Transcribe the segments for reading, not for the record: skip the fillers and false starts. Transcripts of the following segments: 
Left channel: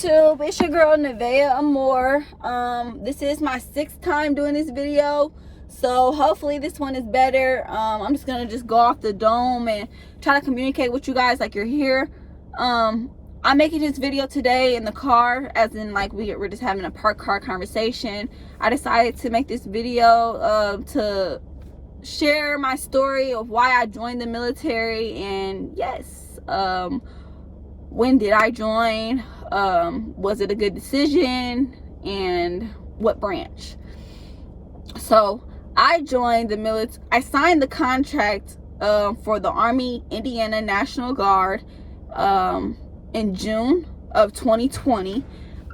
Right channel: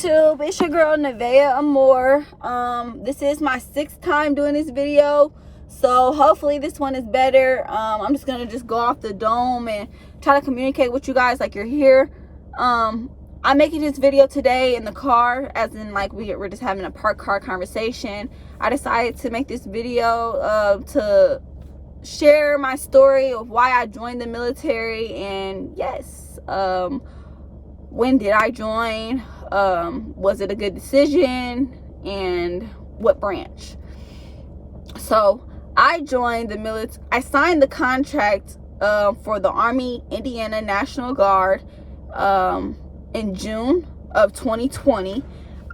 YouTube, it's your girl Nevaeh Amore. This is my 6th time doing this video, so hopefully this one is better. I'm just gonna go off the dome and try to communicate with you guys like you're here. I'm making this video today in the car, as in like we're just having a parked car conversation. I decided to make this video to share my story of why I joined the military, and yes, when did I join, was it a good decision, and what branch. So I joined the military. I signed the contract for the Army Indiana National Guard in June of 2020.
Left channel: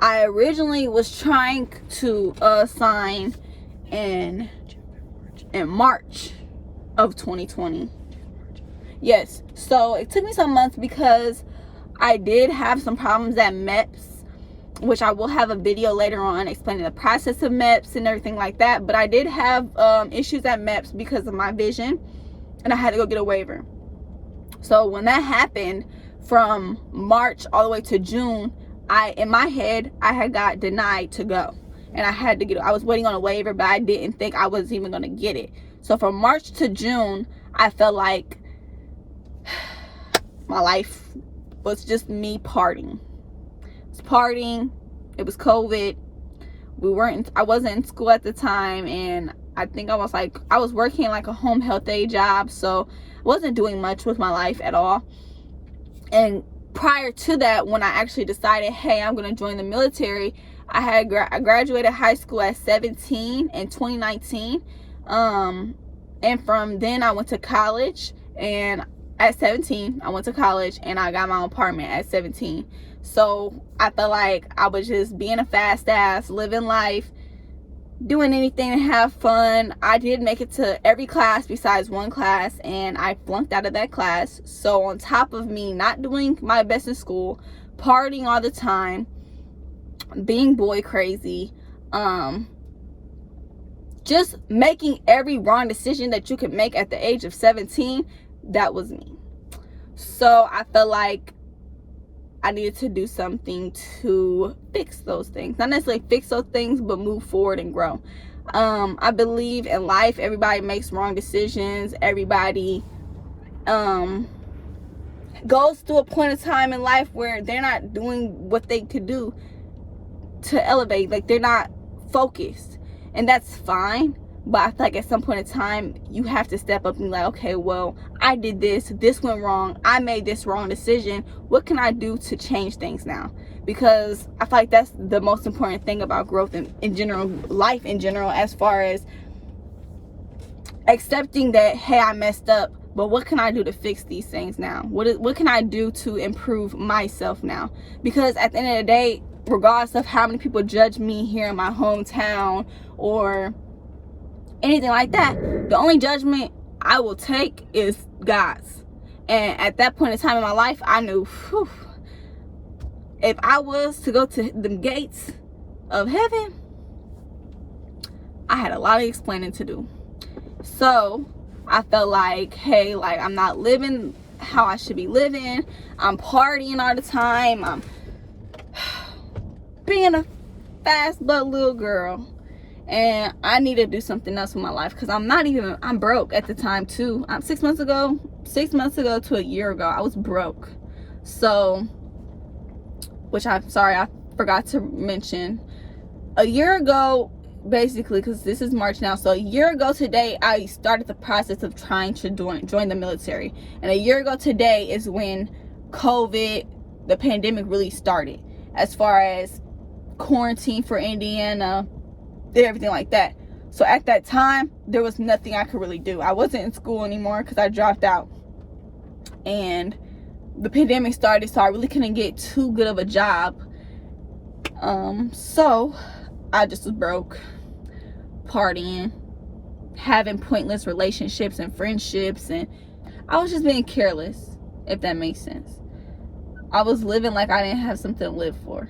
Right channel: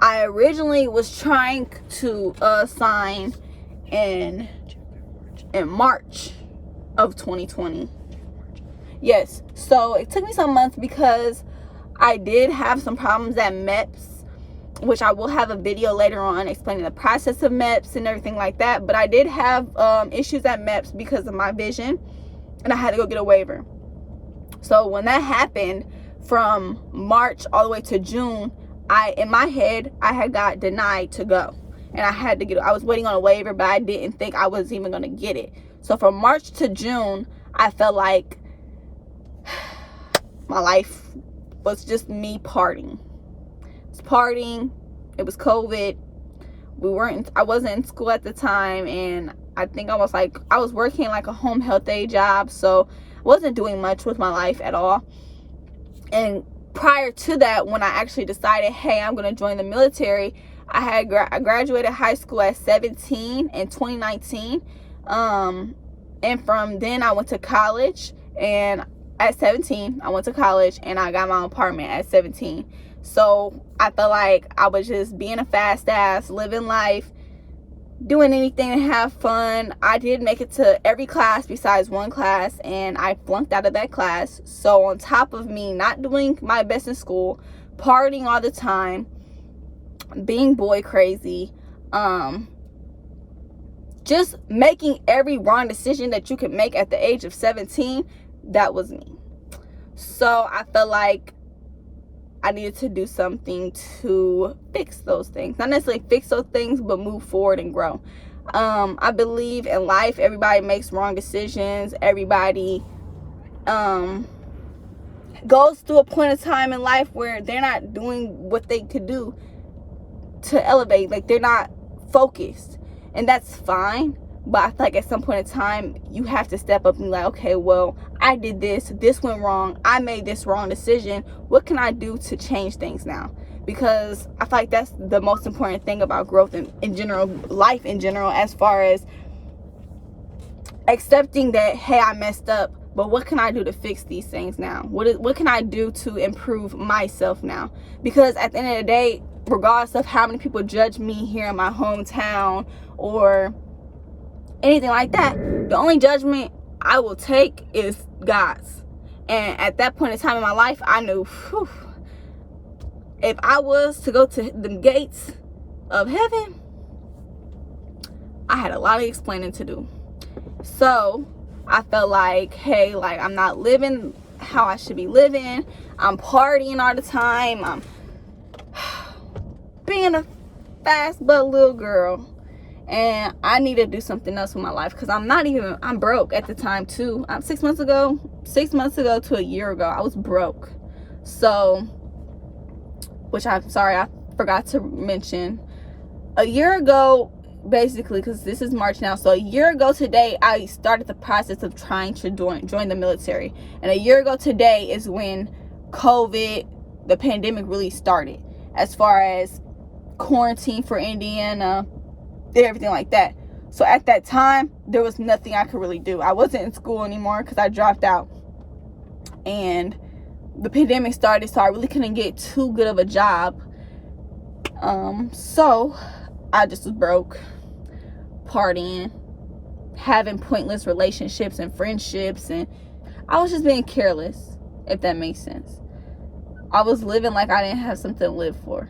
I originally was trying to sign in March of 2020. Yes, so it took me some months because I did have some problems at MEPS, which I will have a video later on explaining the process of MEPS and everything like that. But I did have issues at MEPS because of my vision, and I had to go get a waiver. So when that happened, from March all the way to June, in my head I had got denied to go, and I was waiting on a waiver, but I didn't think I was even going to get it. So from March to June, I felt like my life was just me partying. It was partying. It was COVID. I wasn't in school at the time, and I think I was working like a home health aide job, so I wasn't doing much with my life at all. And prior to that, when I actually decided, hey, I'm going to join the military, I graduated high school at 17 in 2019. And from then I went to college, and at 17 I went to college, and I got my own apartment at 17. So I felt like I was just being a fast ass, living life, doing anything to have fun. I did make it to every class besides one class, and I flunked out of that class. So on top of me not doing my best in school, partying all the time, being boy crazy, just making every wrong decision that you could make at the age of 17, that was me. So I felt like I needed to do something to fix those things. Not necessarily fix those things, but move forward and grow. I believe in life, everybody makes wrong decisions. Everybody goes through a point of time in life where they're not doing what they could do to elevate. Like, they're not focused. And that's fine. But I feel like at some point in time, you have to step up and be like, okay, well, I did this went wrong, I made this wrong decision, what can I do to change things now? Because I feel like that's the most important thing about growth in general, life in general, as far as accepting that, hey, I messed up, but what can I do to fix these things now? What can I do to improve myself now? Because at the end of the day, regardless of how many people judge me here in my hometown or anything like that, the only judgment I will take is God's. And at that point in time in my life, I knew, whew, if I was to go to the gates of heaven, I had a lot of explaining to do. So I felt like, hey, like, I'm not living how I should be living. I'm partying all the time. I'm being a fast butt little girl. And I need to do something else with my life, because I'm broke at the time too. 6 months ago to a year ago, I was broke. So, which I'm sorry, I forgot to mention. A year ago, basically, because this is March now, so a year ago today, I started the process of trying to join the military. And a year ago today is when COVID, the pandemic, really started. As far as quarantine for Indiana, everything like that. So at that time, there was nothing I could really do. I wasn't in school anymore because I dropped out, and the pandemic started, so I really couldn't get too good of a job. So I just was broke, partying, having pointless relationships and friendships, and I was just being careless, if that makes sense. I was living like I didn't have something to live for,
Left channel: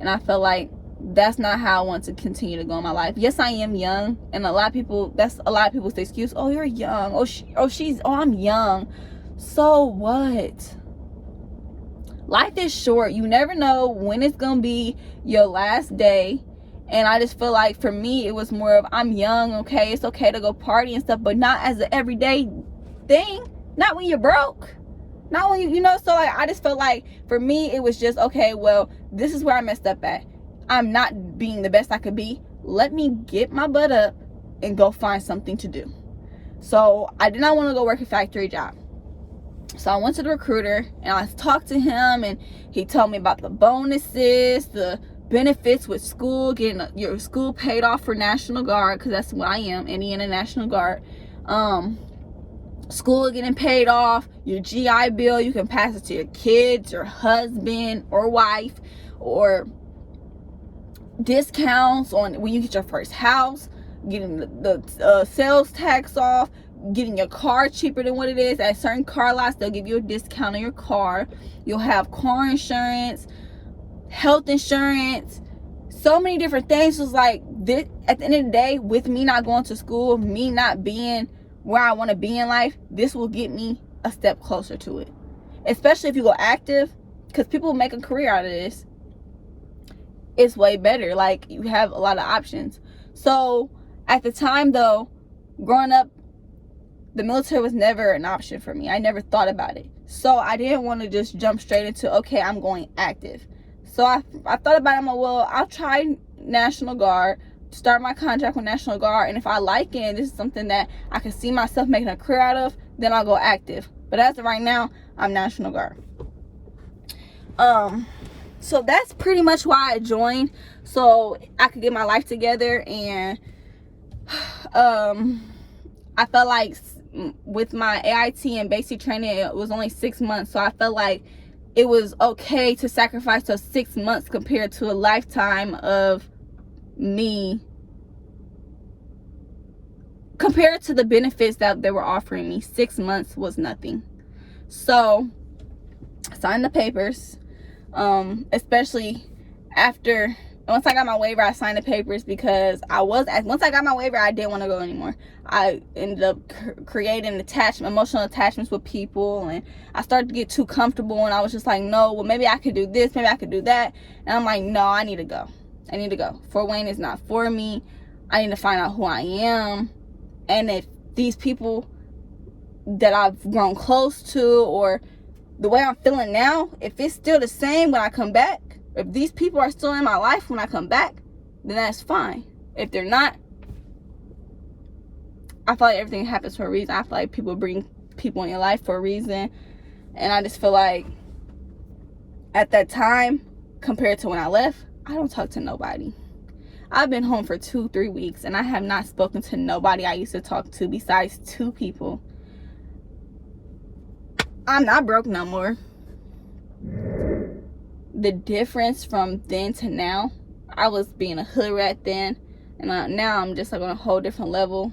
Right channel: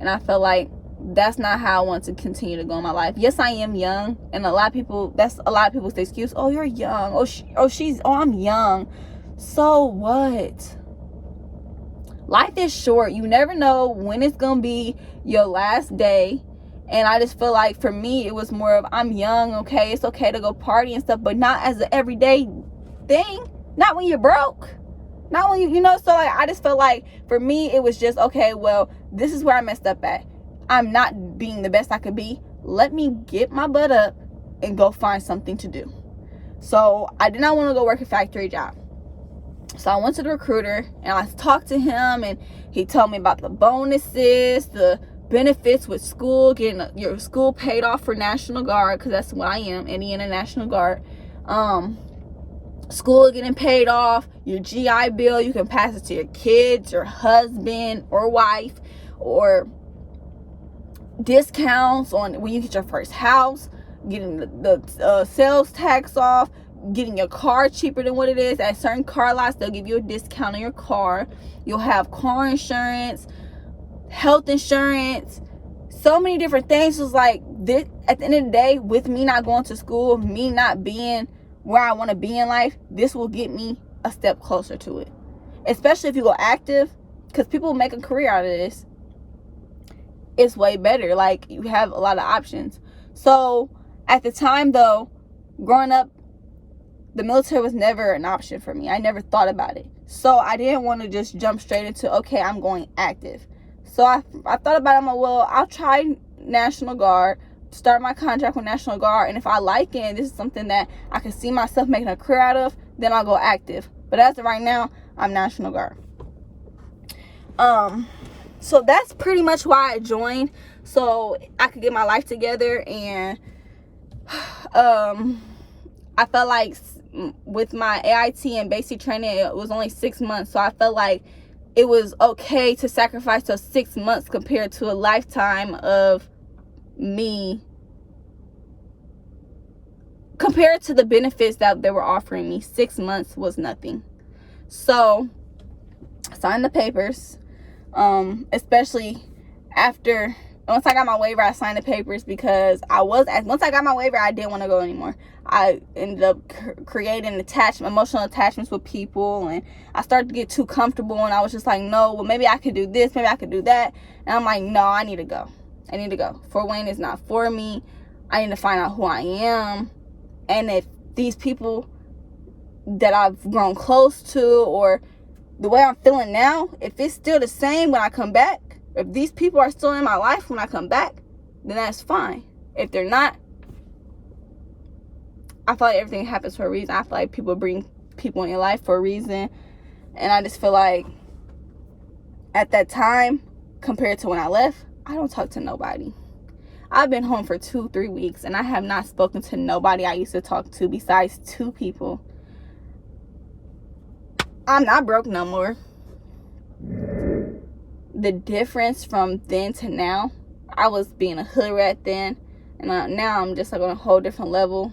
and I felt like that's not how I want to continue to go in my life. Yes, I am young, and that's a lot of people's excuse. Oh, you're young. I'm young. So what? life is short. You never know when it's gonna be your last day. And I just feel like for me, it was more of, I'm young, okay, it's okay to go party and stuff, but not as an everyday thing. Not when you're broke. Not when you know, so like, I just felt like for me, it was just, okay, well, this is where I messed up at. I'm not being the best I could be. Let me get my butt up and go find something to do. So I did not want to go work a factory job. So I went to the recruiter and I talked to him, and he told me about the bonuses, the benefits with school, getting your school paid off for National Guard, because that's what I am, Indiana National Guard. School getting paid off, your GI Bill, you can pass it to your kids, your husband or wife, or discounts on when you get your first house, getting the sales tax off, getting your car cheaper than what it is. At certain car lots, they'll give you a discount on your car. You'll have car insurance, health insurance, so many different things. It was like, this, at the end of the day, with me not going to school, me not being where I want to be in life, this will get me a step closer to it. Especially if you go active, because people make a career out of this. It's way better. Like, you have a lot of options. So at the time though, growing up, the military was never an option for me. I never thought about it. So I didn't want to just jump straight into, okay, I'm going active. So I thought about it. I'm like, well, I'll try National Guard, start my contract with National Guard, and if I like it and this is something that I can see myself making a career out of, then I'll go active. But as of right now, I'm National Guard. So that's pretty much why I joined, so I could get my life together. And I felt like with my AIT and basic training, it was only 6 months, so I felt like it was okay to sacrifice those 6 months compared to a lifetime of me, compared to the benefits that they were offering me. 6 months was nothing. So I signed the papers, especially after, once I got my waiver, I signed the papers, because once I got my waiver, I didn't want to go anymore. I ended up creating emotional attachments with people, and I started to get too comfortable, and I was just like, no, well, maybe I could do this, maybe I could do that. And I'm like, no, I need to go. Fort Wayne is not for me. I need to find out who I am. And if these people that I've grown close to, or the way I'm feeling now, if it's still the same when I come back, if these people are still in my life when I come back, then that's fine. If they're not, I feel like everything happens for a reason. I feel like people bring people in your life for a reason. And I just feel like at that time, compared to when I left, I don't talk to nobody. I've been home for 2-3 weeks, and I have not spoken to nobody I used to talk to besides 2 people. I'm not broke no more. The difference from then to now, I was being a hood rat then, and now I'm just like on a whole different level.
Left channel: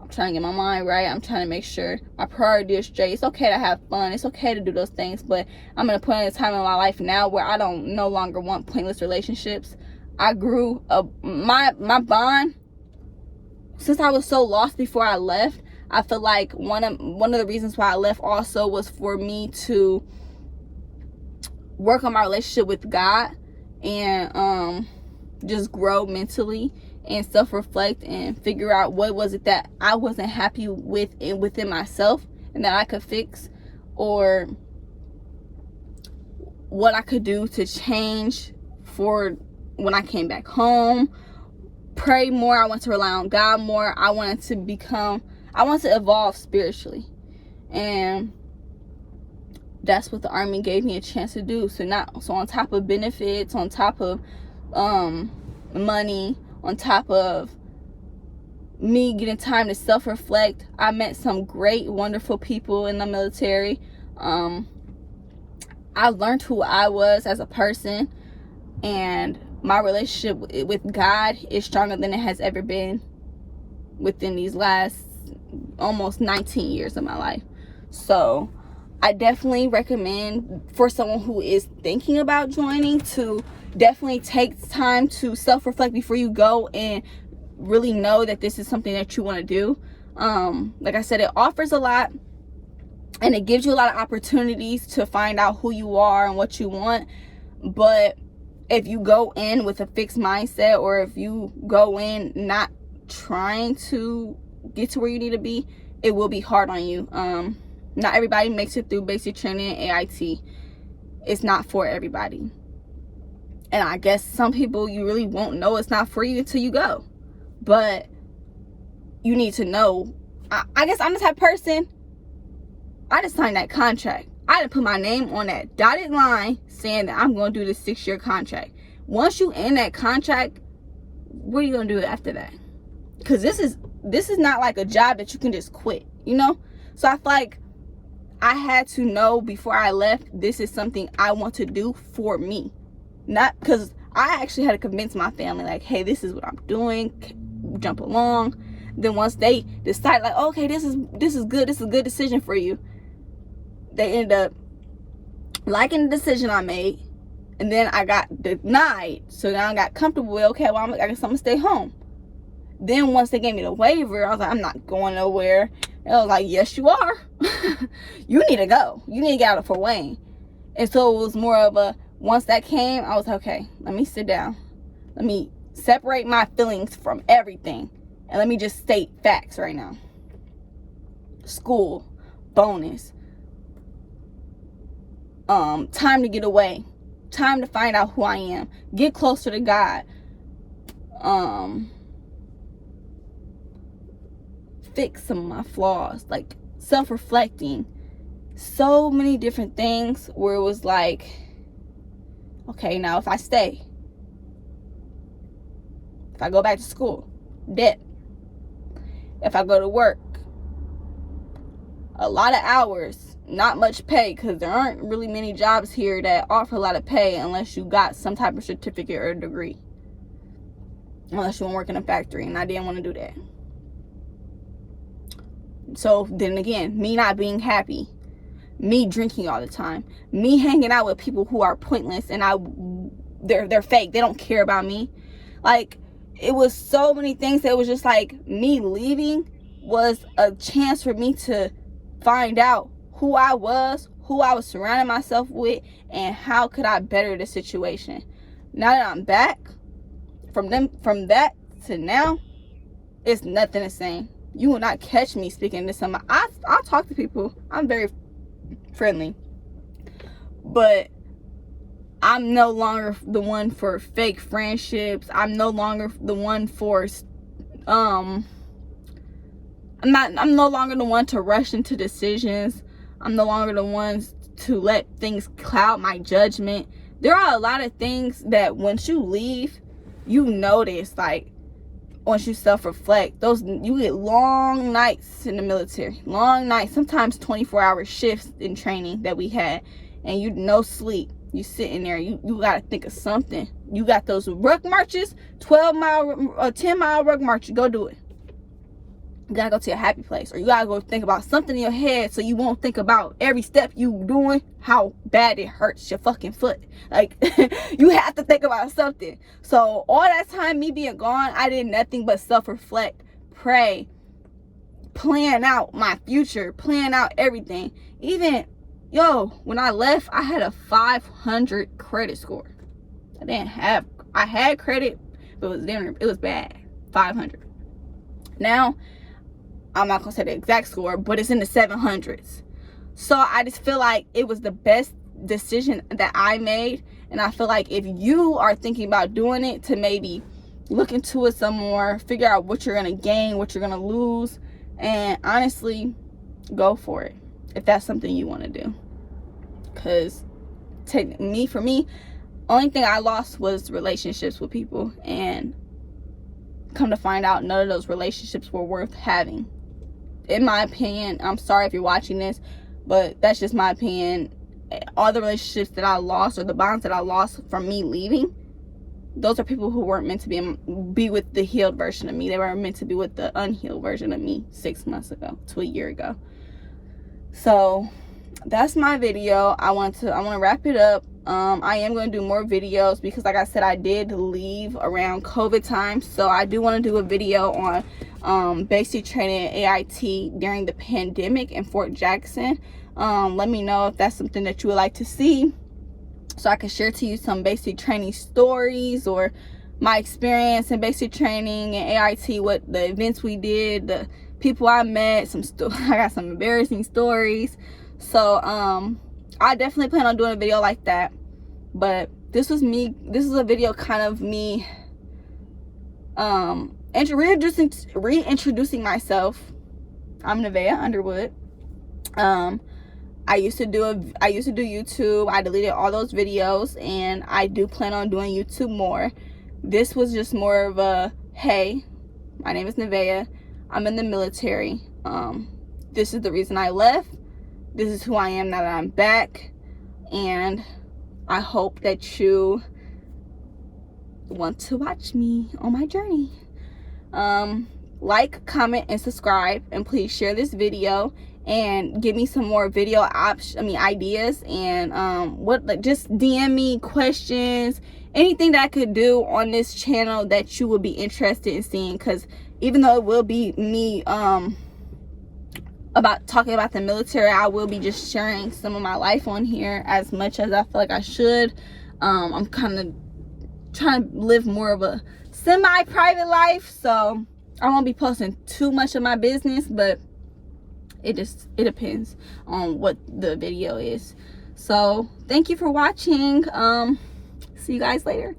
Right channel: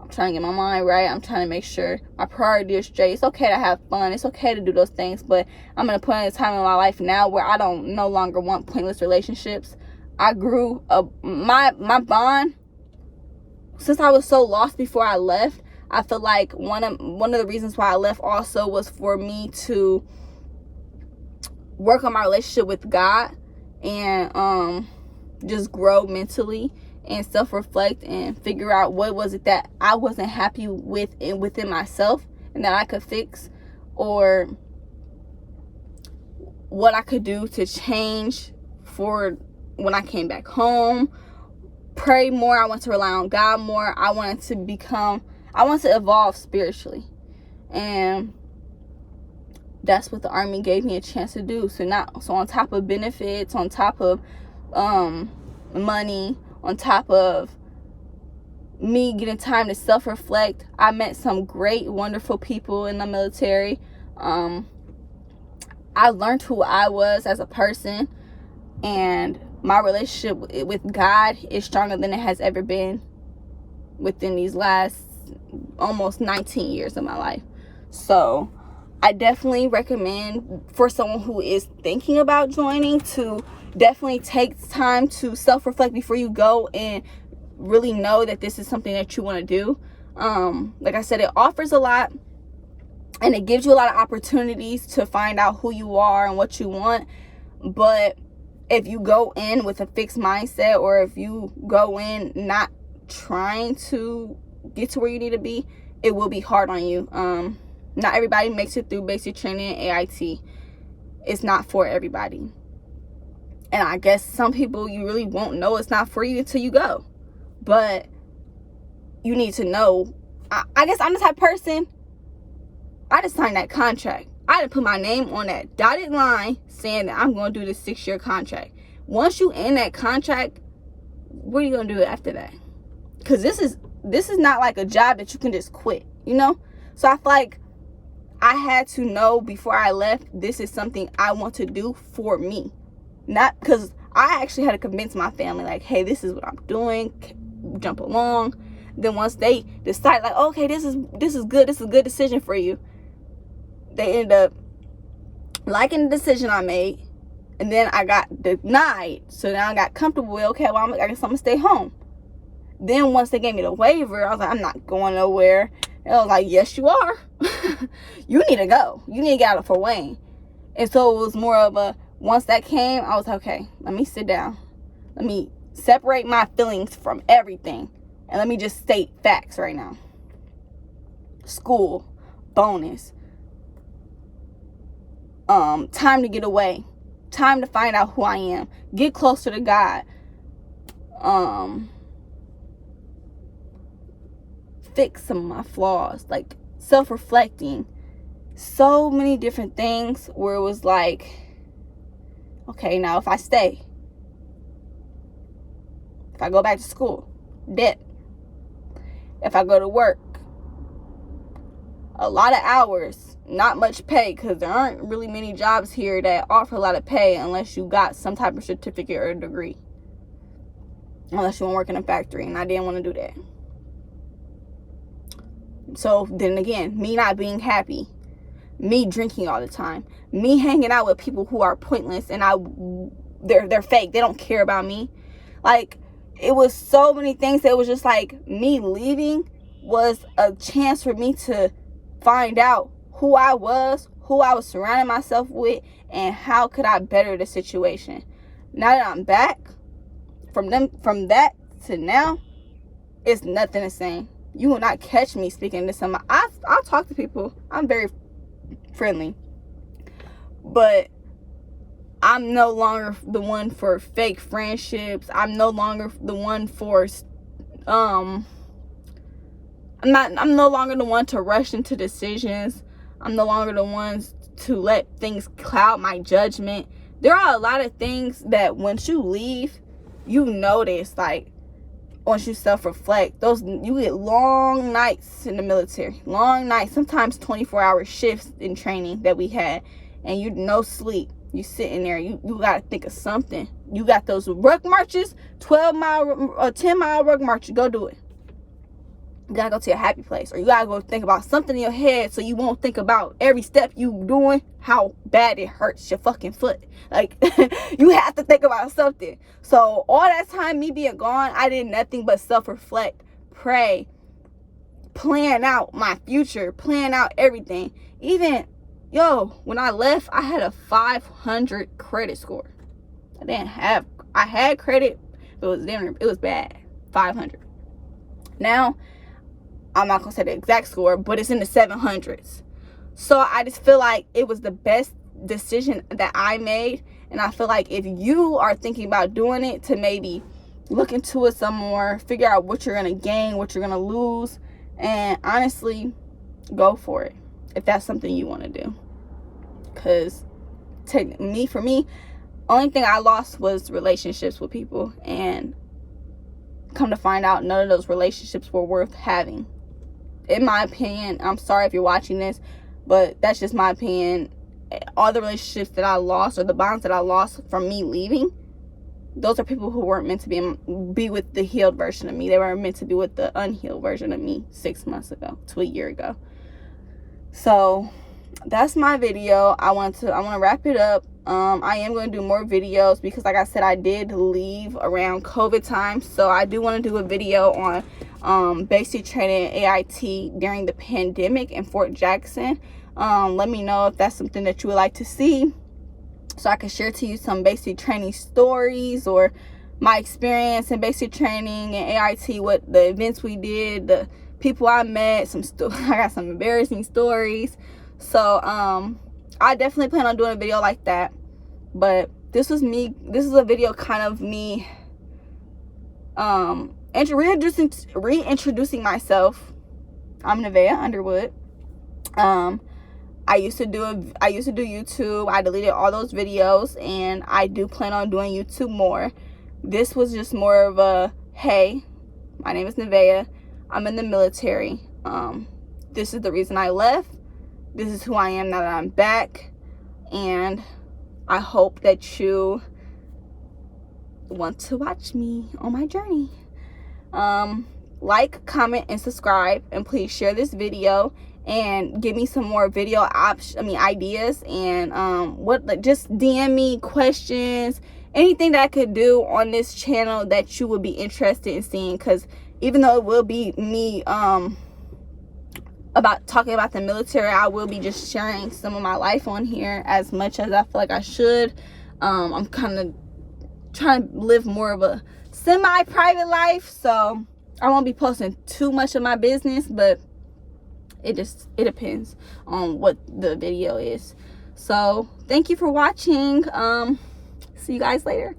I'm trying to get my mind right. I'm trying to make sure my priority is straight. It's okay to have fun. It's okay to do those things, but I'm in a point in time in my life now where I don't no longer want pointless relationships. I grew up, my bond, since I was so lost before I left. I feel like one of the reasons why I left also was for me to work on my relationship with God, and just grow mentally and self-reflect and figure out what was it that I wasn't happy with within myself and that I could fix, or what I could do to change for when I came back home. Pray more. I want to rely on God more. I wanted to evolve spiritually, and that's what the Army gave me a chance to do. So on top of benefits, on top of money, on top of me getting time to self-reflect, I met some great, wonderful people in the military. I learned who I was as a person, and my relationship with God is stronger than it has ever been within these last almost 19 years of my life. So I definitely recommend for someone who is thinking about joining to definitely take time to self-reflect before you go and really know that this is something that you want to do. Like I said, it offers a lot. and it gives you a lot of opportunities to find out who you are and what you want. But if you go in with a fixed mindset, or if you go in not trying to get to where you need to be, it will be hard on you. Not everybody makes it through basic training and AIT. It's not for everybody. And I guess some people, you really won't know it's not for you until you go. But you need to know. I guess I'm the type of person, I just signed that contract. I didn't put my name on that dotted line saying that I'm going to do this 6-year contract. Once you end that contract, what are you going to do after that? Because this is not like a job that you can just quit, you know? So I feel like I had to know before I left, this is something I want to do for me. Not because I actually had to convince my family, like, hey, this is what I'm doing, jump along. Then once they decide, like, okay, this is good, this is a good decision for you, they ended up liking the decision I made. And then I got denied, so now I got comfortable with, okay, well, I guess I'm gonna stay home. Then once they gave me the waiver, I was like, I'm not going nowhere. And I was like, yes, you are. You need to go. You need to get out of Fort Wayne. And so it was more of a, once that came, I was like, okay, let me sit down. Let me separate my feelings from everything. And let me just state facts right now. School, bonus. Time to get away. Time to find out who I am. Get closer to God. Fix some of my flaws. Like, self-reflecting. So many different things where it was like, okay, now if I stay, if I go back to school, debt. If I go to work, a lot of hours, not much pay, because there aren't really many jobs here that offer a lot of pay unless you got some type of certificate or degree. Unless you want to work in a factory, and I didn't want to do that. So then again, me not being happy, me drinking all the time, me hanging out with people who are pointless, and they're fake. They don't care about me. Like, it was so many things that was just like, me leaving was a chance for me to find out who I was surrounding myself with, and how could I better the situation. Now that I'm back, from that to now, it's nothing the same. You will not catch me speaking to somebody. I talk to people. I'm very friendly. But I'm no longer the one for fake friendships. I'm no longer the one for I'm no longer the one to rush into decisions. I'm no longer the ones to let things cloud my judgment. There are a lot of things that once you leave, you notice, like, once you self-reflect, you get long nights in the military. Long nights, sometimes 24-hour shifts in training that we had, and you no sleep. You sitting there, you gotta think of something. You got those ruck marches, 10-mile ruck marches, go do it. You gotta go to a happy place, or you gotta go think about something in your head so you won't think about every step you doing, how bad it hurts your fucking foot. Like, you have to think about something. So all that time, me being gone, I did nothing but self-reflect, pray, plan out my future, plan out everything. Even, when I left, I had a 500 credit score. I had credit, but it was bad. 500. Now, I'm not gonna say the exact score, but it's in the 700s. So I just feel like it was the best decision that I made. And I feel like if you are thinking about doing it, to maybe look into it some more, figure out what you're gonna gain, what you're gonna lose, and honestly, go for it if that's something you want to do. Because for me, only thing I lost was relationships with people, and come to find out, none of those relationships were worth having. In my opinion, I'm sorry if you're watching this, but that's just my opinion. All the relationships that I lost, or the bonds that I lost from me leaving, those are people who weren't meant to be with the healed version of me. They were meant to be with the unhealed version of me 6 months ago to a year ago. So that's my video. I want to wrap it up. I am going to do more videos because, like I said, I did leave around COVID time, so I do want to do a video on basic training AIT during the pandemic in Fort Jackson. Let me know if that's something that you would like to see, so I can share to you some basic training stories or my experience in basic training and AIT, what the events we did, the people I met, I got some embarrassing stories. So I definitely plan on doing a video like that. But this is a video kind of me reintroducing myself. I'm Nevaeh Underwood. I used to do YouTube. I deleted all those videos, and I do plan on doing YouTube more. This was just more of a, hey, my name is Nevaeh. I'm in the military. This is the reason I left. This is who I am now that I'm back. And I hope that you want to watch me on my journey. Like, comment, and subscribe, and please share this video and give me some more video ideas, and just DM me questions, anything that I could do on this channel that you would be interested in seeing, because even though it will be me about talking about the military, I will be just sharing some of my life on here as much as I feel like I should. I'm kind of trying to live more of a semi-private life, so I won't be posting too much of my business, but it depends on what the video is. So thank you for watching. See you guys later.